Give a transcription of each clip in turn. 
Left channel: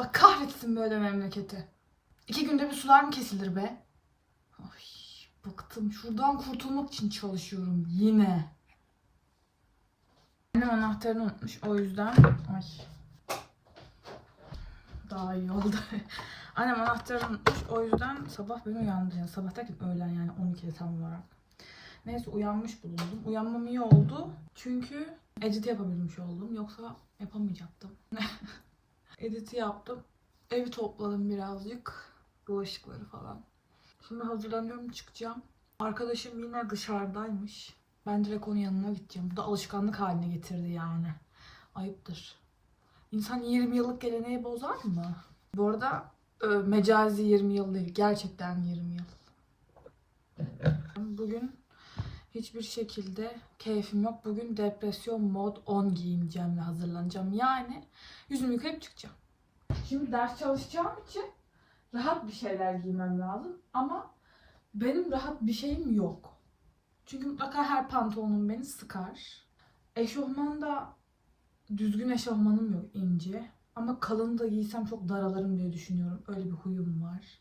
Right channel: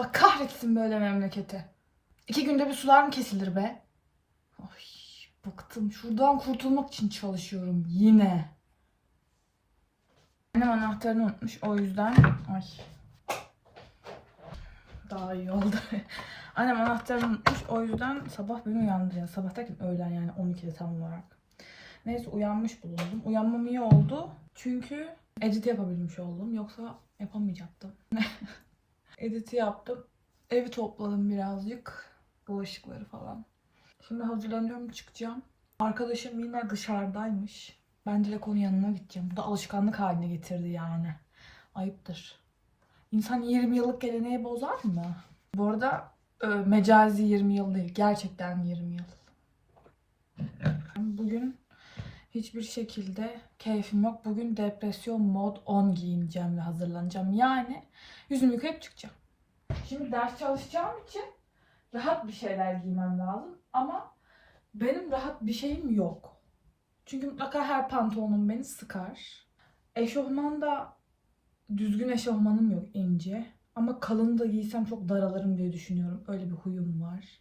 Allah kahretsin böyle memleketi. İki günde bir sular mı kesilir be? Ay bıktım. Şuradan kurtulmak için çalışıyorum yine. Annem anahtarını unutmuş o yüzden. Ay. Daha iyi oldu. Annem anahtarını unutmuş o yüzden sabah beni uyandırdı. Yani sabah derken öğlen yani 12'de tam olarak. Neyse uyanmış bulundum. Uyanmam iyi oldu. Çünkü edit yapabilmiş oldum. Yoksa yapamayacaktım. Editi yaptım. Evi topladım birazcık. Bulaşıkları falan. Şimdi hazırlanıyorum çıkacağım. Arkadaşım yine dışarıdaymış. Ben direkt onun yanına gideceğim. Bu da alışkanlık haline getirdi yani. Ayıptır. İnsan 20 yıllık geleneği bozar mı? Bu arada e, mecazi 20 yıl değil. Gerçekten 20 yıl. Bugün hiçbir şekilde keyfim yok. Bugün depresyon mod 10 giyineceğim ve hazırlanacağım. Yani yüzümü yıkayıp çıkacağım. Şimdi ders çalışacağım için rahat bir şeyler giymem lazım. Ama benim rahat bir şeyim yok. Çünkü mutlaka her pantolonum beni sıkar. Eşofman da düzgün eşofmanım yok ince. Ama kalın da giysem çok daralırım diye düşünüyorum. Öyle bir huyum var.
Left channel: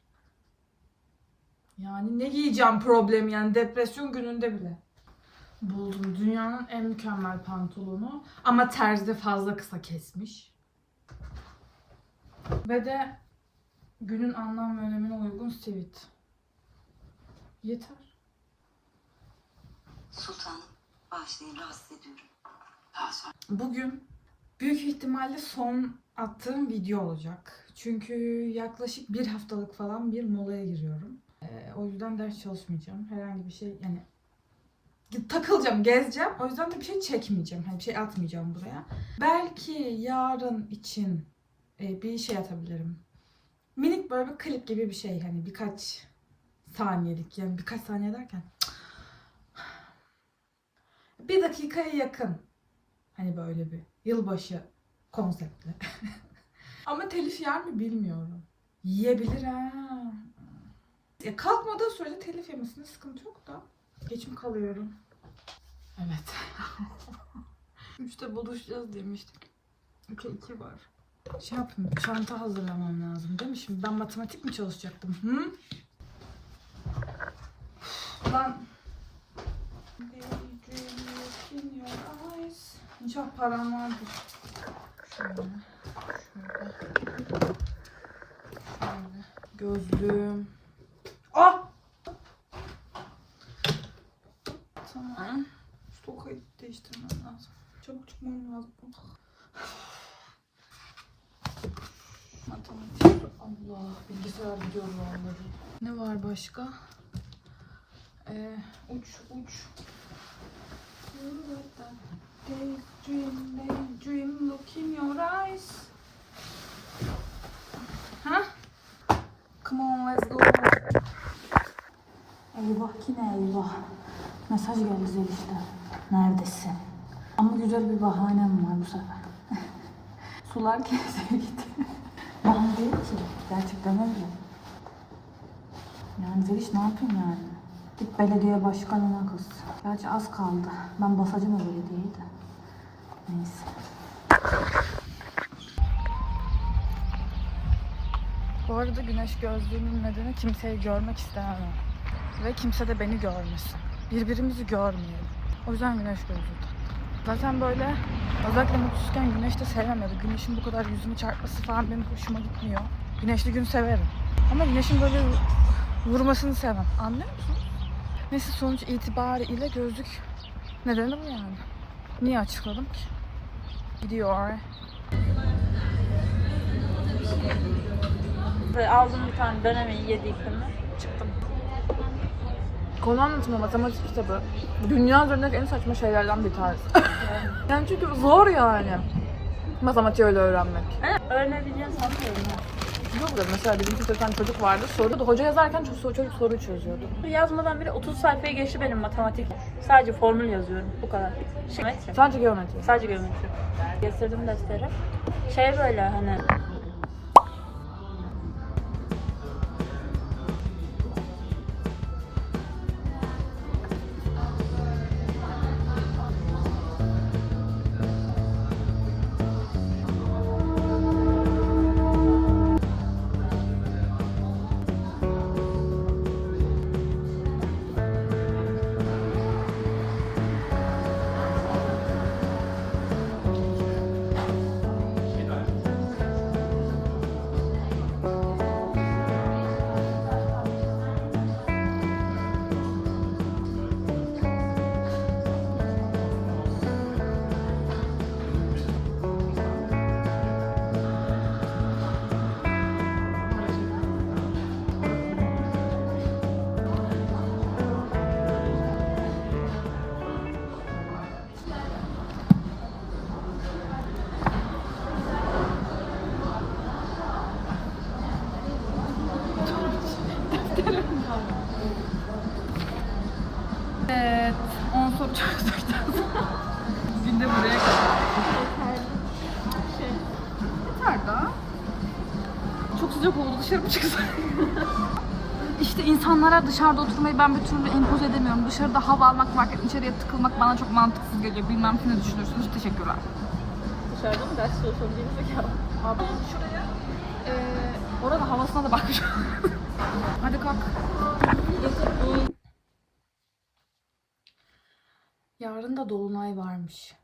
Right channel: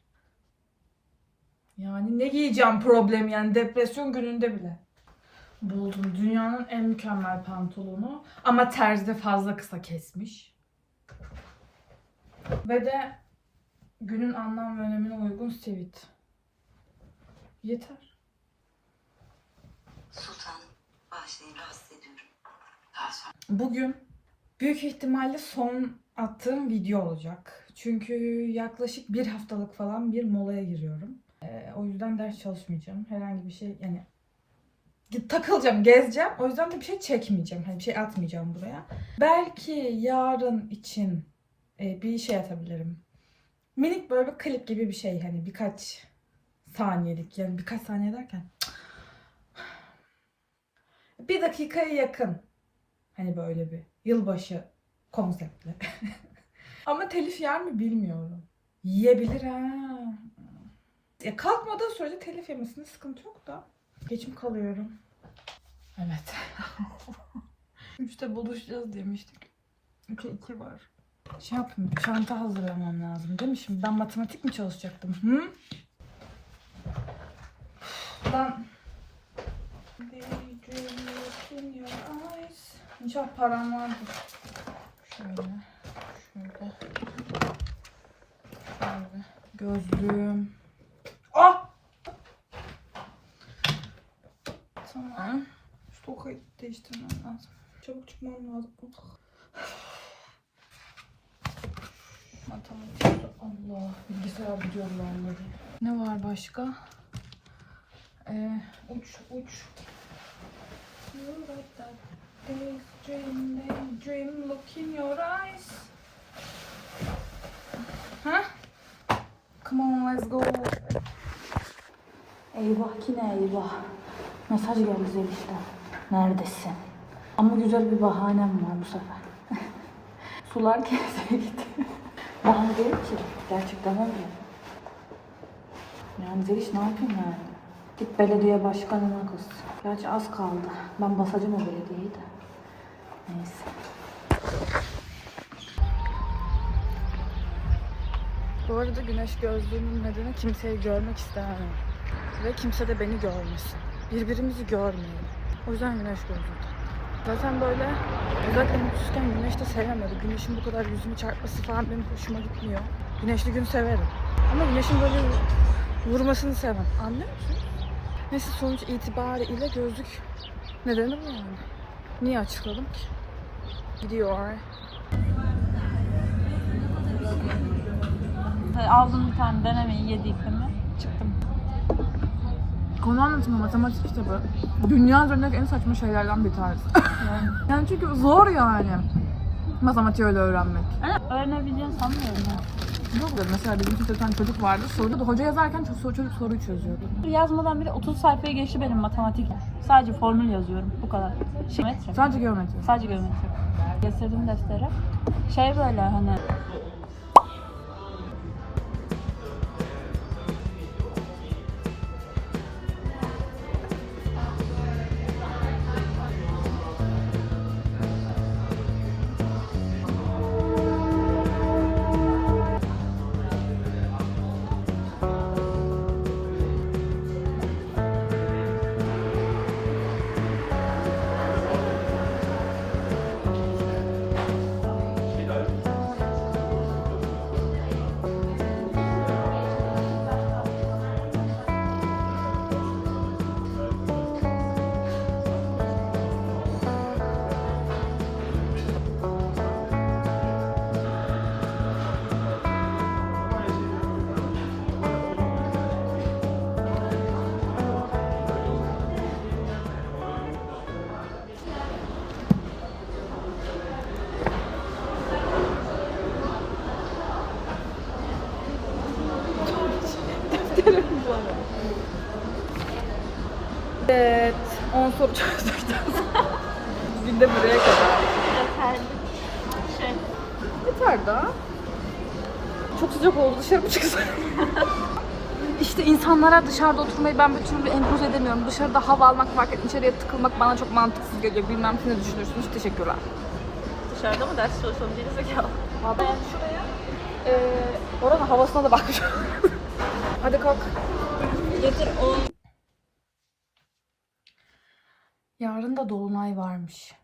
Yani ne giyeceğim problem yani depresyon gününde bile. Buldum dünyanın en mükemmel pantolonu ama terzide fazla kısa kesmiş. Ve de günün anlam ve önemine uygun sivit. Yeter. Sultanım, bağışlayın rahatsız ediyorum. Daha sonra. Bugün büyük ihtimalle son attığım video olacak. Çünkü yaklaşık bir haftalık falan bir molaya giriyorum. Ee, o yüzden ders çalışmayacağım. Herhangi bir şey yani takılacağım, gezeceğim. O yüzden de bir şey çekmeyeceğim. Hani bir şey atmayacağım buraya. Belki yarın için e, bir şey atabilirim. Minik böyle bir klip gibi bir şey hani birkaç saniyelik yani birkaç saniye derken bir dakikaya yakın hani böyle bir yılbaşı konseptli. Ama telif yer mi bilmiyorum. Yiyebilir ha. Ya kalkmadığı sürece telif yemesinde sıkıntı yok da. Geçim kalıyorum. Evet. Üçte buluşacağız demiştik. Üçe iki var. Şey yapayım, çanta hazırlamam lazım değil mi? Şimdi ben matematik mi çalışacaktım? Hı? Lan. İnşallah param vardır. Şöyle. Şöyle. Şöyle. Gözlüğüm. Ah! Tamam. Şu tokayı değiştirmem lazım. Çabuk çıkmam lazım. Matematik. Allah. Bilgisayar biliyorum onları. Ne var başka? Ee, uç uç. Daydream, look in your eyes. Ha? Come on, let's go. Eyvah yine eyvah. Mesaj geldi Zeliş'ten. Neredesin? Ama güzel bir bahanem var bu sefer. Sular keseye gitti. Bahane değil ki. Gerçekten öyle. Yani Zeliş ne yapayım yani? Git belediye başkanına kız. Gerçi az kaldı. Ben basacağım o belediyeyi de. Neyse. Bu arada güneş gözlüğümün nedeni kimseyi görmek istemem. Ve kimse de beni görmesin. Birbirimizi görmeyelim. O yüzden güneş gözlüğü. Zaten böyle özellikle mutsuzken güneş de sevmem ya da güneşin bu kadar yüzümü çarpması falan benim hoşuma gitmiyor. Güneşli gün severim. Ama güneşin böyle vurmasını sevmem. Anlıyor musunuz? Neyse sonuç itibariyle gözlük nedeni bu yani. Niye açıkladım ki? Gidiyor. Aldım bir tane denemeyi yedikten çıktım. Konu anlatımı matematik işte ben. Dünya üzerindeki en saçma şeylerden bir tanesi. yani çünkü zor yani. Matematiği öyle öğrenmek. Öğrenebileceğini sanmıyorum. Ne oluyor? Mesela bizim sınıfta bir tane çocuk vardı. Soruyordu. Hoca yazarken çocuk, çocuk soruyu çözüyordu. Yazmadan bile 30 sayfaya geçti benim matematik. Sadece formül yazıyorum. Bu kadar. Şey, geometri. Sadece geometri. Sadece geometri. Getirdim defteri. Şey böyle hani soru çözdükten sonra bugün de buraya kadar. Yeter daha. Çok sıcak oldu dışarı mı çıksın? işte insanlara dışarıda oturmayı ben bir türlü empoze edemiyorum. Dışarıda hava almak, market içeriye tıkılmak bana çok mantıksız geliyor. Bilmem siz ne düşünürsünüz. Teşekkürler. Dışarıda mı ders çalışalım gerizekalı? Abi. Ee, oranın havasına da bakmış. Hadi kalk. Gece 10 Dolunay varmış.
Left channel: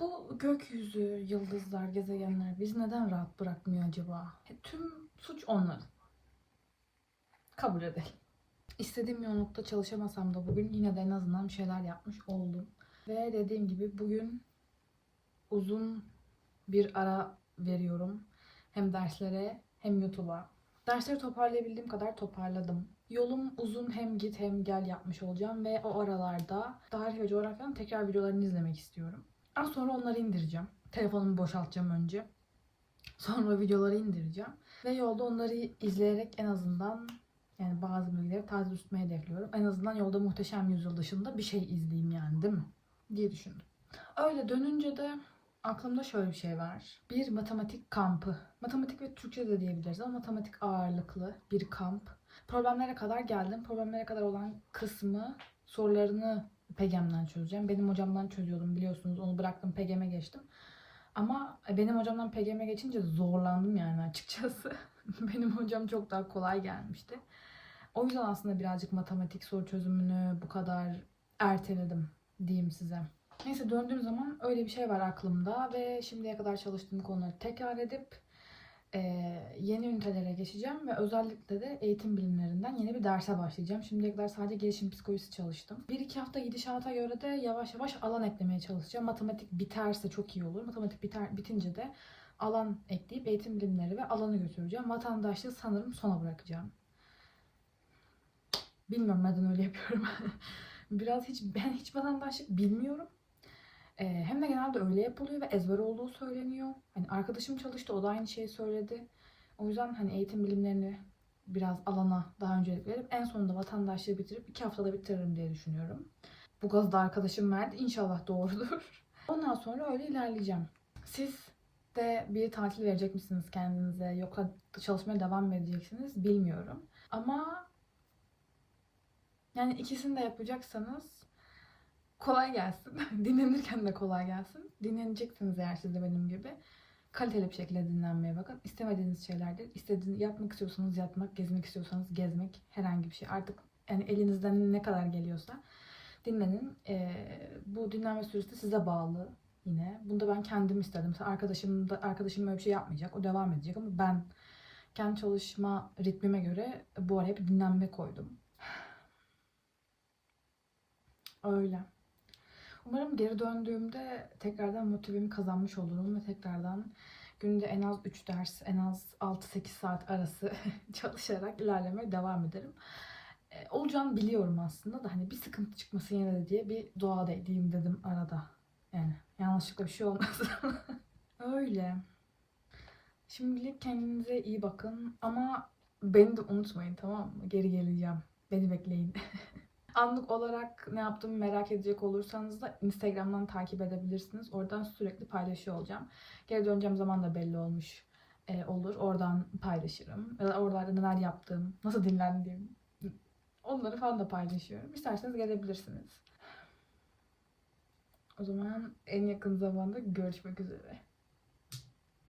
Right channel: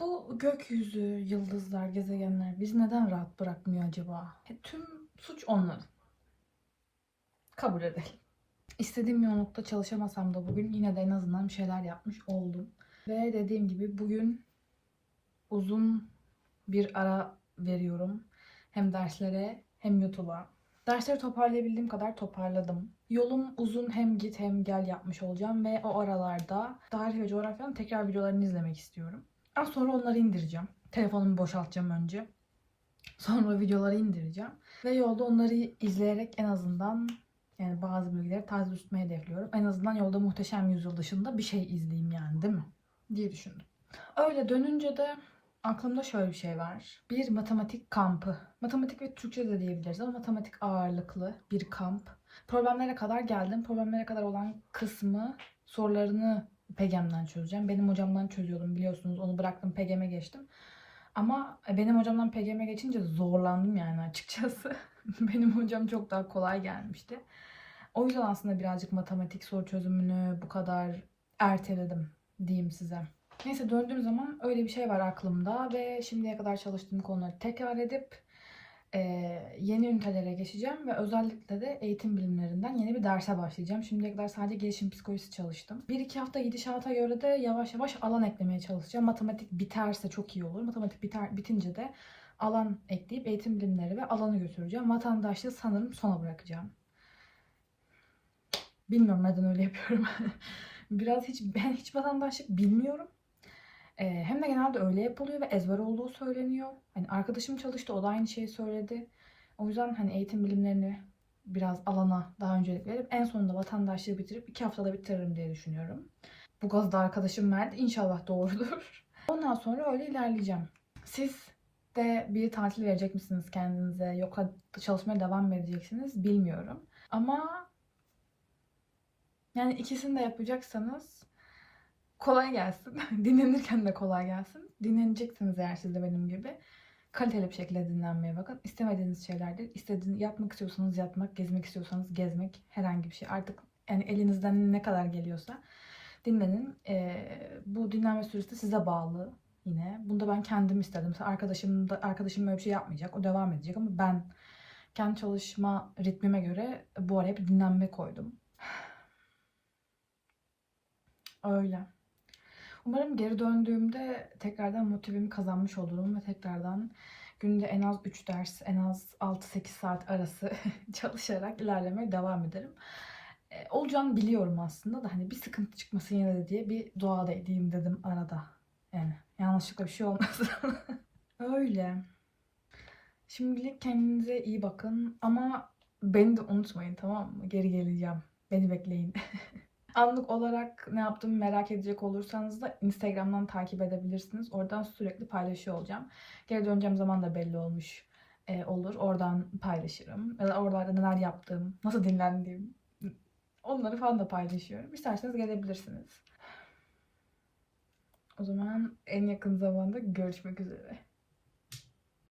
Bu gökyüzü, yıldızlar, gezegenler bizi neden rahat bırakmıyor acaba? E, tüm suç onların. Kabul edelim. İstediğim yoğunlukta çalışamasam da bugün yine de en azından bir şeyler yapmış oldum. Ve dediğim gibi bugün uzun bir ara veriyorum. Hem derslere hem YouTube'a. Dersleri toparlayabildiğim kadar toparladım. Yolum uzun hem git hem gel yapmış olacağım ve o aralarda tarih ve coğrafyanın tekrar videolarını izlemek istiyorum. Az sonra onları indireceğim. Telefonumu boşaltacağım önce. Sonra videoları indireceğim. Ve yolda onları izleyerek en azından yani bazı bilgileri taze tutmayı hedefliyorum. En azından yolda muhteşem yüzyıl dışında bir şey izleyeyim yani değil mi? Diye düşündüm. Öyle dönünce de aklımda şöyle bir şey var. Bir matematik kampı. Matematik ve Türkçe de diyebiliriz ama matematik ağırlıklı bir kamp. Problemlere kadar geldim. Problemlere kadar olan kısmı sorularını PEGEM'den çözeceğim. Benim hocamdan çözüyordum biliyorsunuz. Onu bıraktım PEGEM'e geçtim. Ama benim hocamdan PEGEM'e geçince zorlandım yani açıkçası. benim hocam çok daha kolay gelmişti. O yüzden aslında birazcık matematik soru çözümünü bu kadar erteledim diyeyim size. Neyse döndüğüm zaman öyle bir şey var aklımda ve şimdiye kadar çalıştığım konuları tekrar edip e, yeni ünitelere geçeceğim ve özellikle de eğitim bilimlerinden yeni bir derse başlayacağım. Şimdiye kadar sadece gelişim psikolojisi çalıştım. Bir iki hafta gidişata göre de yavaş yavaş alan eklemeye çalışacağım. Matematik biterse çok iyi olur. Matematik biter, bitince de alan ekleyip eğitim bilimleri ve alanı götüreceğim. Vatandaşlığı sanırım sona bırakacağım. Bilmiyorum neden öyle yapıyorum. Biraz hiç ben hiç vatandaşlık bilmiyorum. Ee, hem de genelde öyle yapılıyor ve ezber olduğu söyleniyor. Hani arkadaşım çalıştı o da aynı şeyi söyledi. O yüzden hani eğitim bilimlerini biraz alana daha öncelik verip en sonunda vatandaşlığı bitirip iki haftada bitiririm diye düşünüyorum. Bu gazı da arkadaşım verdi. İnşallah doğrudur. Ondan sonra öyle ilerleyeceğim. Siz de bir tatil verecek misiniz kendinize yoksa çalışmaya devam mı edeceksiniz bilmiyorum. Ama yani ikisini de yapacaksanız kolay gelsin. Dinlenirken de kolay gelsin. Dinleneceksiniz eğer siz de benim gibi. Kaliteli bir şekilde dinlenmeye bakın. İstemediğiniz şeylerdir. İstediğiniz yapmak istiyorsanız yapmak, gezmek istiyorsanız gezmek, herhangi bir şey. Artık yani elinizden ne kadar geliyorsa dinlenin. Ee, bu dinlenme süresi size bağlı yine. Bunda ben kendim istedim. Mesela arkadaşım da arkadaşım böyle bir şey yapmayacak. O devam edecek ama ben kendi çalışma ritmime göre bu araya bir dinlenme koydum. Öyle. Umarım geri döndüğümde tekrardan motivemi kazanmış olurum ve tekrardan günde en az 3 ders, en az 6-8 saat arası çalışarak ilerlemeye devam ederim. E, olacağını biliyorum aslında da hani bir sıkıntı çıkmasın yine de diye bir dua da edeyim dedim arada. Yani yanlışlıkla bir şey olmasın. Öyle. Şimdilik kendinize iyi bakın ama beni de unutmayın tamam mı? Geri geleceğim. Beni bekleyin. Anlık olarak ne yaptığımı merak edecek olursanız da Instagram'dan takip edebilirsiniz. Oradan sürekli paylaşıyor olacağım. Geri döneceğim zaman da belli olmuş e, olur. Oradan paylaşırım. Ya da oralarda neler yaptığım, nasıl dinlendiğim onları falan da paylaşıyorum. İsterseniz gelebilirsiniz. O zaman en yakın zamanda görüşmek üzere.